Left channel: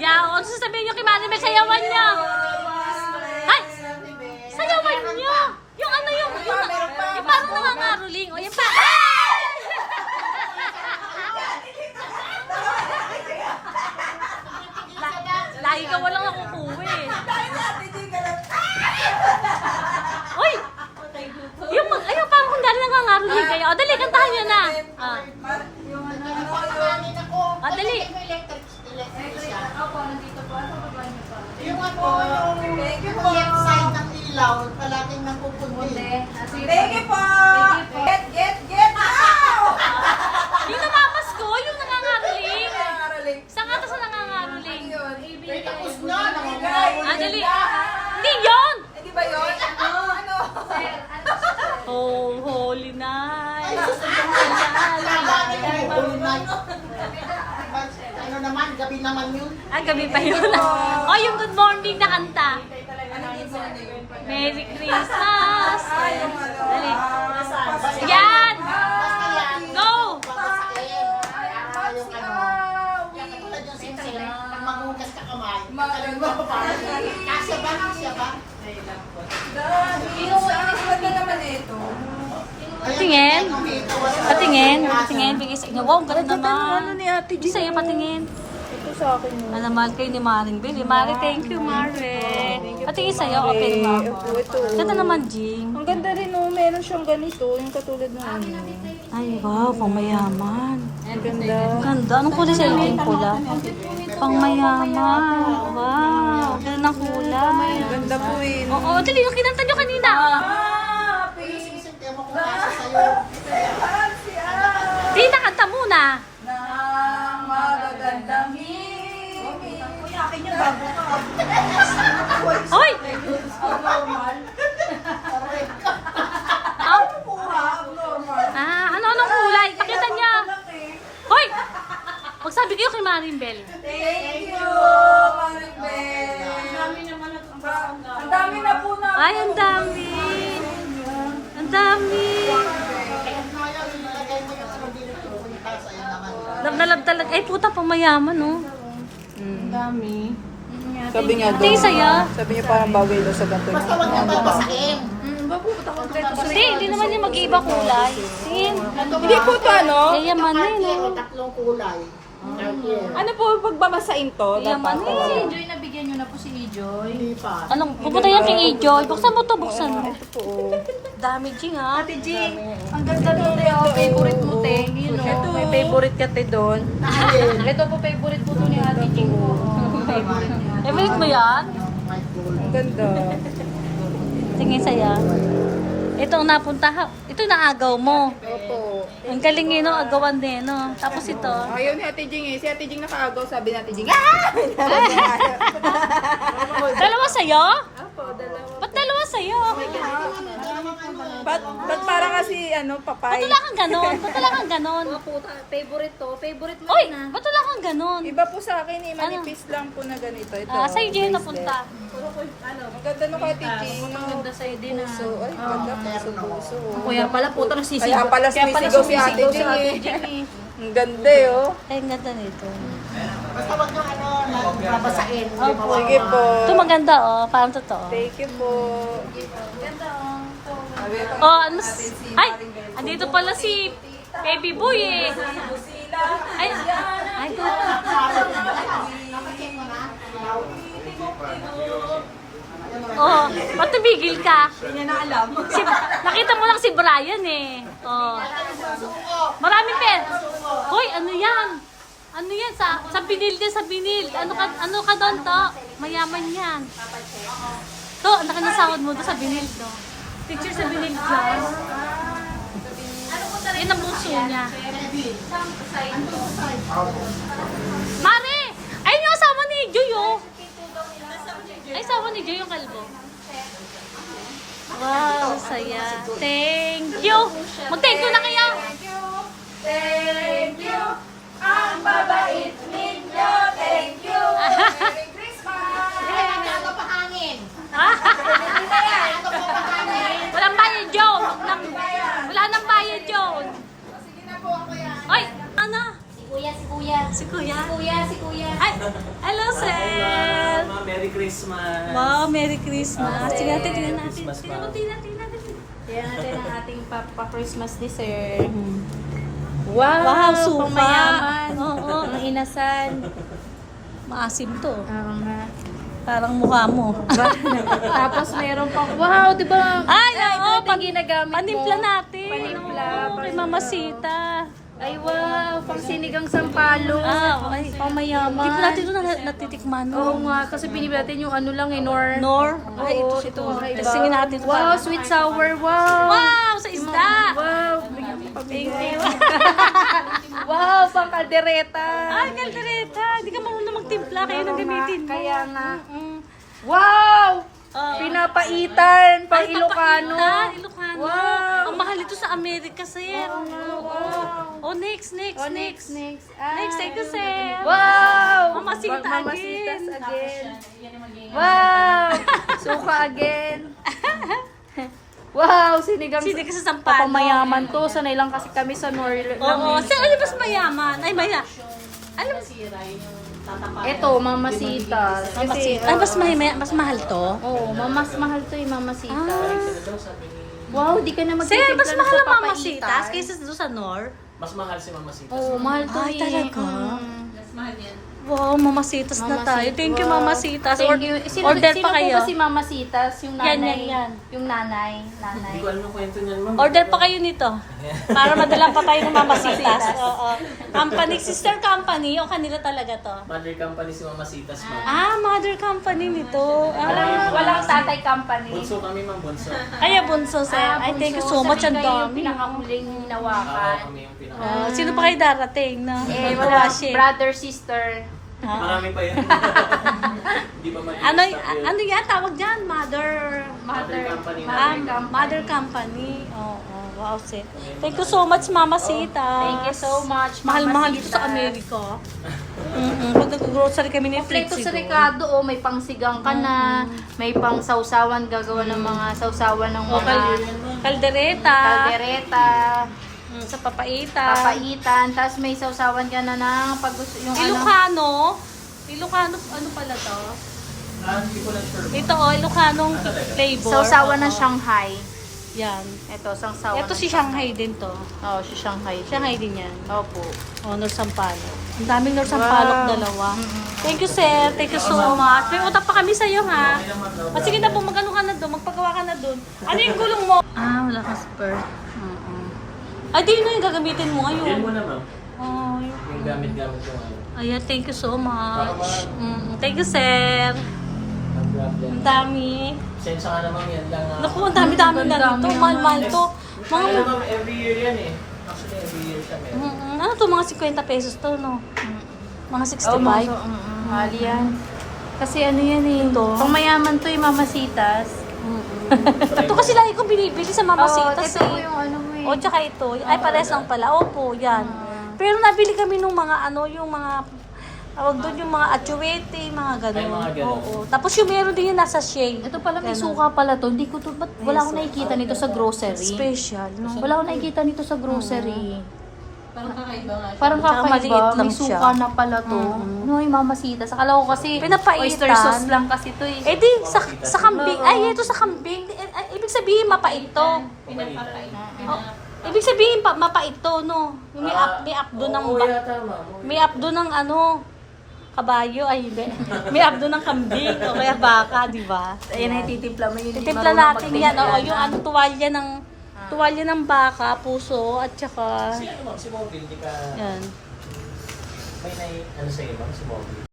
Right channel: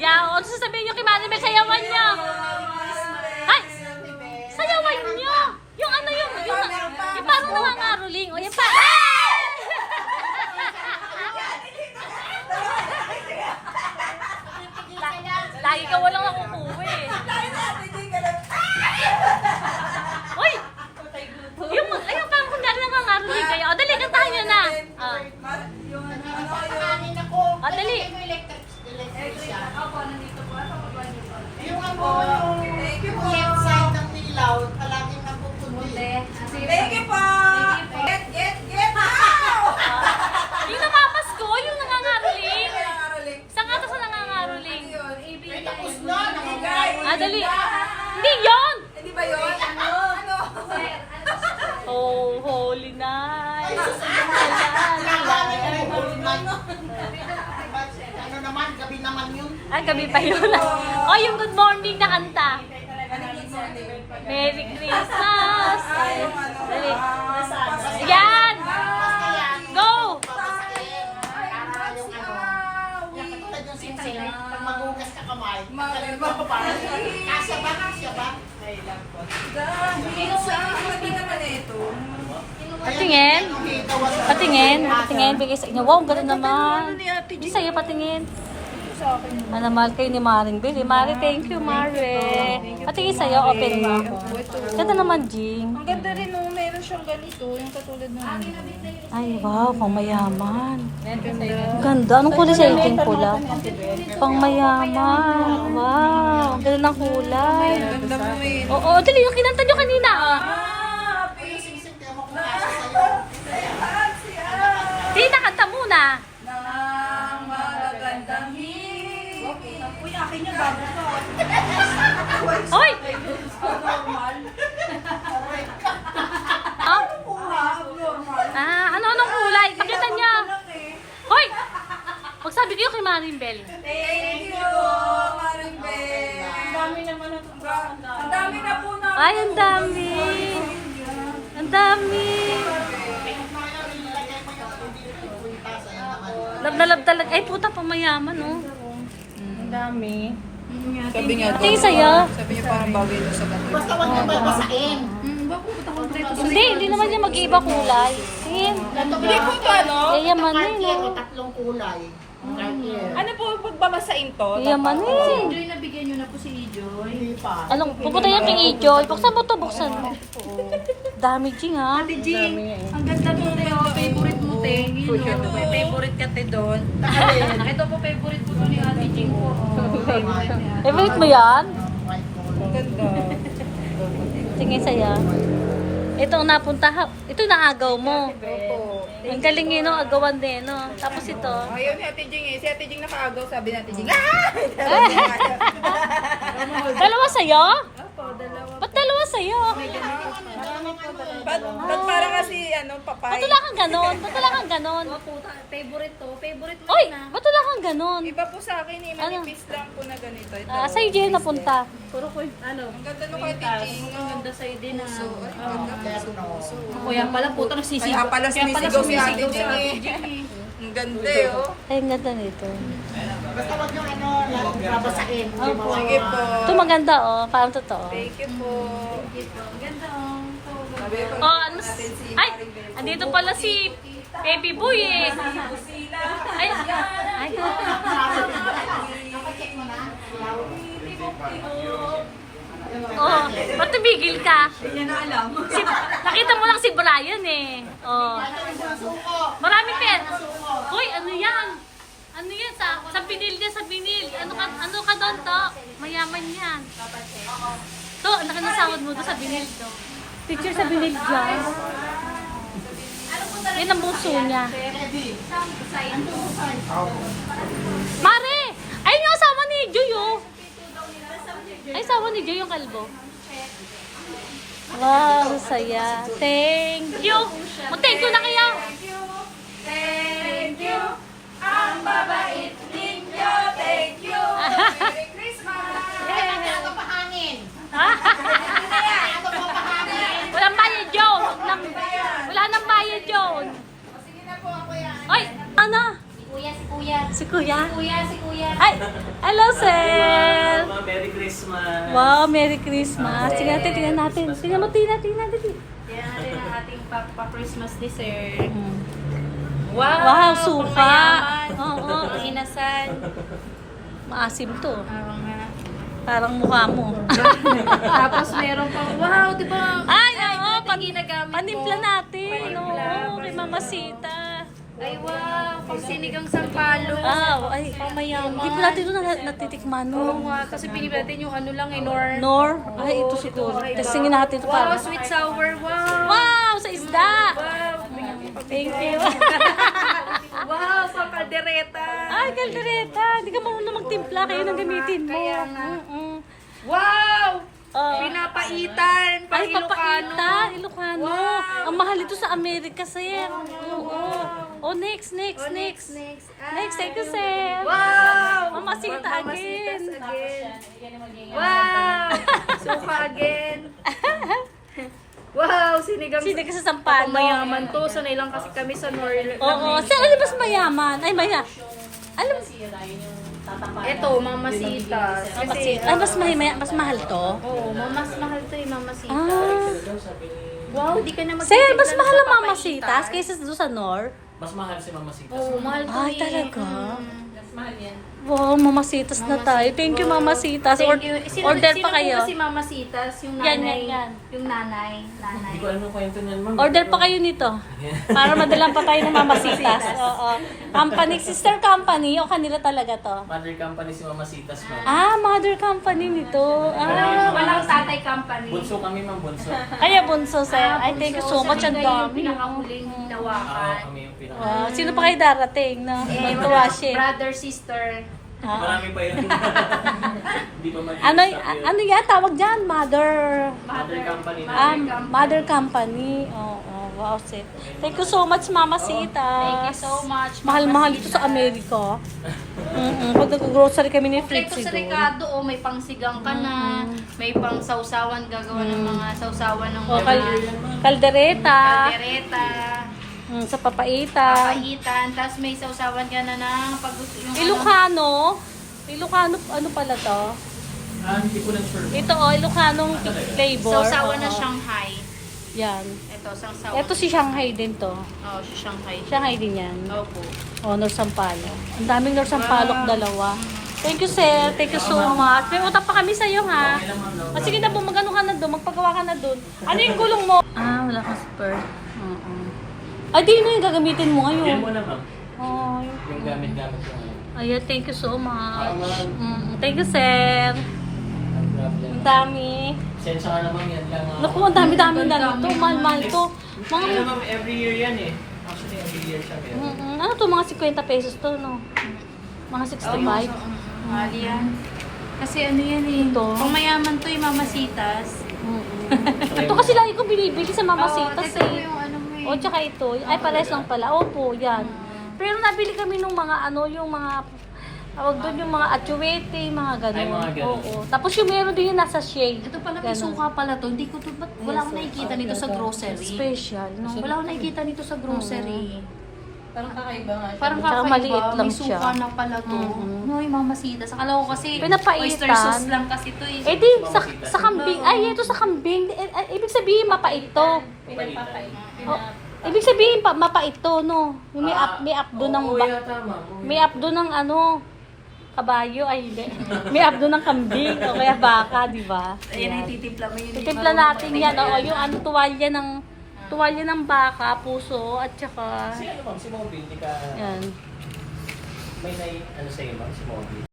Yeah, o sasabihin nyo kay Manny Bel, sayawan niya. Ay! Sayawan niya! Yung ano yung parang nangangaroling. O yung pa... Lagi ka walang nakukuha eh. Uy! Yung parang kung dali nangangaroling kayo. O dali, kantahan nyo na. Dali. Yung left side ng ilaw, palaging nagpupunti. Thank you po! Get now! Yung namamasko, yung nangangaroling. Saan nga sa nangangaroling? Tapos na, nakagay. Dali. Hindi yun! Hindi ba yun? Ano? Oh, holy night. Ano naman, gabi naman yun. Gabi pa yun. Oh, yung good morning na kanta. Merry Christmas. Dali. Yan! Go! Pag maghugas ka kamay, kasya ba? Kasya ba? Ganda naman ito. Patingin. Patingin. Patingin. Bigay sa inyo. Wow, galing naman. Hindi sa'yo patingin. Ano, mahal kayo ni Maring Bel. Mari, thank you, Mari. Patingin sa'yo, open mo. Ganda naman, Jing. Ang ganda rin, oh. Meron siyang ganito. Yung katulad ng ano. Ay, wow, pang mayaman. Ang ganda. Ang ganda. Anong kulay sa'yo, Jing? Pula? Pang mayaman. Wow, ang ganda ng kulay. Ganda po eh. Oo, dali, yung kinanta nyo kanina. Di, nakanta muna. Nang magagandang hingin. Uy, akin yung bago ka. Hoy! Normal. Ah, Puha, abnormal. anong kulay? Pakita niya. Hoy! Pagsabi kayo kay Maring Bel. Thank you, Maribel. Ang dami naman ang dami na po na. Ay, ang dami. Ang dami. Love na love talaga. Ay, puta, pamayaman, no? Ang dami. Sabi niya Pati sa'yo. Sabi niya parang bagay daw sa dati. Basta wag na babasahin. Hindi naman niya mag-iiba kulay. Sim. Hindi po to ano? Yayamanin, no? Tatlong kulay. Ano po pagbabasain to? Yayamanin. Joy, nabigyan nyo na po si Joy. Hindi pa. Anong, pupunta yan kay Ijoy. Buksan mo to, buksan mo. Dami, Jing, ha? Jing, ang ganda nito yung favorite mo, te. Yun, Ito, may favorite ka te doon. Ito po, favorite po to ni Ate Jing. Favorite mo yan? Ang ganda. Tingin saya. Ito ang napunta. Ito yung naagaw mo. Opo. Ang galing yun, no? Agawan din, no? Tapos ito. Ayaw ni Ate Jing eh. Si Ate Jing nakaagaw, sabi ni Ate Jing. Dalawa sa'yo? Opo, dalawa. Ba't dalawa sa'yo? Ba't parang kasi ano, Ba't papay? wala kang ganon? Ba't wala kang ganon? Favorite to. Favorite mo Uy! na. Ba't wala kang ganon? Iba po sa akin eh. Manipis lang po na ganito. Ito. Sa'yo dyan napunta. Puro ko, ano, Ang ganda nung Ate Jing. ang ganda sa'yo din. So, ay, ganda puso-puso. Kuya pala, puta nasisigaw. Kaya pala sumisigaw si Ate Jing eh. Ang ganda eh, oh. Ay, ang ganda nito. Basta wag yung ano, babasahin. Sige po. Ito maganda, oh. Parang totoo. Thank you po. Oh, ano? Ay! Andito pala si Baby Boy, eh. Ay! Ay! Oh, ba't tumigil ka? Hindi niya na alam. Nakita mo lang si Brian, eh. Oh. Maraming pen. Hoy, ano yan? Ano yan? Sa binil din, sa binil. Ano ka doon, to? Mayaman yan. To, ang laki ng sahod mo doon sa binil, to. Picture sa binil dyan. Yan ang buso niya. Mare! Ayun yung asawa ni Joy, oh. Ay, asawa ni Joy yung kalbo. Wow, saya. Thank you. Mag-thank you na kaya. Thank you. Ang babait ninyo. Thank you. Merry Christmas. Ano pa hangin? Walang bayad yun. Wala nang bayad yun. Sige na po ako yan. Ay, ano? Si Kuya. Si Kuya. Si Kuya. Ay, hello, sir. Merry Christmas! Wow, Merry Christmas. Tingnan natin, tingnan natin. Tingnan natin. Yan natin ang ating pa-Christmas dessert. Wow, wow, suka. Mayaman. Oo. Ang inasal. Maasim to. Parang mukha mo. Tapos meron pang, wow, di ba? Ay, oo. Ginagamit Panimpla mo. natin. Oo, kay Mama Sita. Ay, wow, pang sinigang sampalo. Ay. Pamayaman. Hindi pa natin ito natitikman, Oo no? nga, kasi pinili natin yung ano lang, Nor. Nor? Ay, ito siguro. Testingin natin ito Wow, para. sweet sour, wow. Wow, sa isda. Wow. Thank you. Wow, pang kaldereta. Ay, kaldereta. Hindi ka marunong magtimpla. Kayo nang gamitin mo. Kaya nga. Mm-mm. Wow! Oh. Pinapaitan, pang Ay, Ilocano. papaita. Ilocano. Wow. Ang mahal ito sa Amerika, sir. Oo. Oh, next. Next. Next, thank you, sir. Wow! Mamasita Mamasitas again. Wow! Suka again. Wow, sinigang Sino kasi sa Sampalo? mayaman to. Sanay lang kasi kami sa North. Oo. Sir, ano mas mayaman? Ay, alam, Ito, mamasitas. mamasit. Ay, mas mahal to? Oo, mas mahal to yung mamasitas. Ah. Wow, di ka na Sir, mas mahal ang mamasitas kaysa doon sa Nor? Mas mahal si Mama Sita. Oo, mahal to Ay, eh. talaga? Mas mahal yan. Wow, mamasitas na tayo. Thank you, mamasitas. Thank you. Order pa kayo. Sino po si Mama Sitas? Yung Yan, nanay. yan. Yung nanay. Hindi ko alam yung kwento niyan, ma'am. Order pa kayo nito. Para madalang pa tayo ng mamasitas. Oo. Company, sister company o kanila talaga to? Mother company si Mama Sitas, ma'am. Ah, mother company nito. Ah, Walang tatay company. Bunso kami, ma'am. Bunso. Kaya bunso, sir. Ay, thank you so much. Ang dami. Pinakamuling nawakan. Kami yung pinaka. Wow. Sino pa kayo darating, no? May tuwashe. Brother, sister. Marami pa yun. Hindi pa mali. Ano yan? Tawag dyan? Mother... Mother company. Mother company. Oo, wow, sir. Thank you so much, Mama Sita. Thank you so much. Mahal-mahal dito sa Amerika. Pag nag-grocery kami ni Ito Fritzy sa doon. Ricardo, oh, may pang sigang ka na, may pang sausawan, gagawa ng mga sausawan ng O, mga kaldereta. kaldereta, Sa papaitan. papaitan, tapos may sausawan ka na ng pag yung Ilocano. Ilocano, ano pala to? Hindi ko lang sure. Ito, Ilocanong flavor. sausawan ng Oo. Shanghai. Yan. Ito, sausawan. Ito si Shanghai din to. Oh, si Shanghai. Shanghai din yan. Opo. O, Nor Sampalo. Ang daming Nor Sampalok, dalawa. Thank you, sir. Thank you so much. May utang pa kami sa'yo, ha? O, sige na po, magano ka na doon. Magpagawa ka na doon. Ano yung gulong mo? Ah, wala ka spur. Oo. Ay, di na yung gagamitin mo Yan ngayon. mo na, ma'am. Ay, Yung gamit-gamit ko ngayon. ayan, thank you so much. Thank you, sir. Ang dami. Sensya ka naman yan lang. Naku, ang dami-dami na nito. Mahal-mahal to. Mga, Ano, ma'am, every year yan eh. Actually, every year siya. ano to, mga 50 pesos to, no? Mga 65. Mahal yan. Kasi ano yan eh. Ito. Kung mayaman to yung mamasitas. Ito kasi lagi kong binibili sa Mamasitas Ito eh. yung ano mo eh. O, tsaka ito. Ay, pares lang pala. Opo, yan. Pero nabili kami nung mga ano, yung mga, tawag doon yung mga atsuete, mga gano'n. Ay, mga gano'n. Oo. Tapos yung meron din yung nasa shade. Ito pala may Ganun. suka pala to. Hindi ko to, ba't wala akong nakikita nito sa grocery? Special, no? Wala akong nakikita nito sa grocery. Parang kakaiba nga. Parang Tsaka kakaiba. maliit lang may siya. suka na pala to. No, yung mamasitas. Akala ko kasi Pinapaitan. oyster sauce lang kasi to eh. Eh di, sa kambing. Ay, ito sa kambing. Ibig sabihin, mapait to. Oh, ibig sabihin, mapait to, no? Yung may abdo ng may abdo ng ano, kabayo. Ay, hindi. May abdo ng kambing. O kaya baka, di ba? Ayan, ititimpla mo yun. Titimpla natin yan. Oo, yung ano, tuwalya ng baka, puso, at saka, Si ano, ma'am, si Moby, hindi ka... yan. May ano sa'yo, ma'am, si Moby.